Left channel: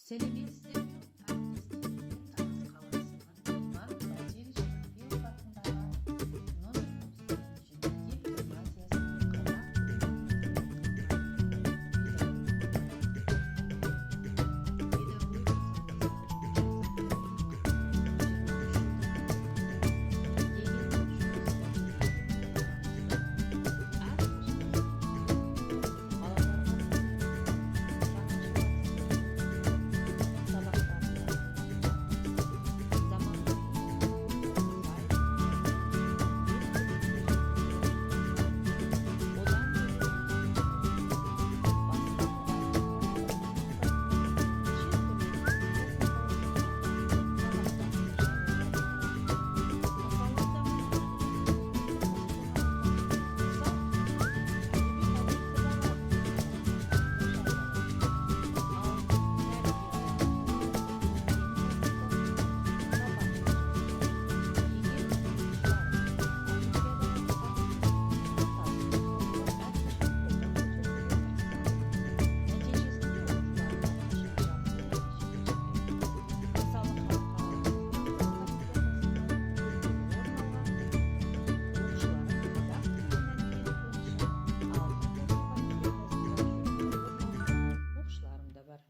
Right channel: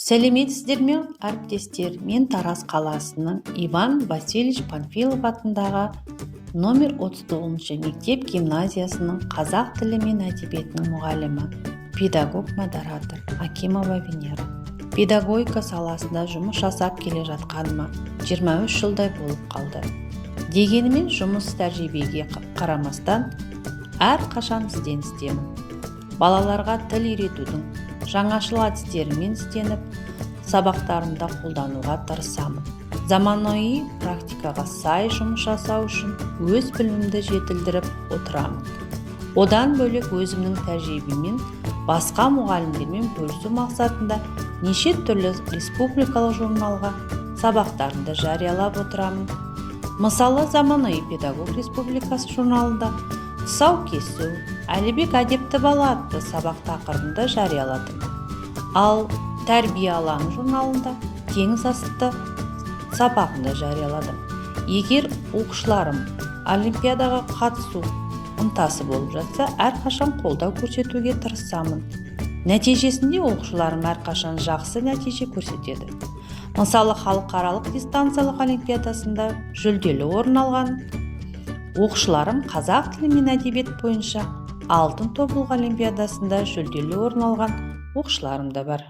Сәлеметсіздер ме, әріптестер? Мен Тараз қаласының Иван Васильевич Панфилов атындағы номер 39 мектеп гимназиясының қазақ тілі мен әдебиетінің мұғалімі, педагог-модератор Акимова Венера. Педагогика саласында жұмыс жасап келе жатқаныма 23 жылдай болып қалды. Дегенмен жұмыс тәжірибеге қарамастан әрқашан ізденістемін. Балаларға тіл үйретудің жаңашыл әдістерімен ізденіп, сабақтарында қолдануға тырысамын. Заманауи практикаға сай жұмыс жасау үшін өз білімімді жетілдіріп отырамын. Одан бөлек өзімнің тәжірибеммен басқа мұғалімдермен бөлісу мақсатында неше түрлі республикалық журналға сабақтарымды жариялап отырамын. Мысалы, Заманауи педагог республикасы журналында тұсаукесу, Әлібек әдепті бала атты сабақ тақырыбында жарияладым. Ал Тәрбие алаңы журналында теңіз асты сабағында жарияладым. Егер оқушыларым олимпиадаға қатысу ынтасы болып жатса, әрқашан қолдау көрсетуге тырысамын. Нәтижесінде оқушыларым әрқашан жақсы нәтиже көрсетеді. Мысалы, халықаралық дистанциялық олимпиадасында жүлделі орын алған оқушыларым қазақ тілі мен әдебиет бойынша алтын тобылғы олимпиадасында жүлделі орын алған оқушыларым да бар.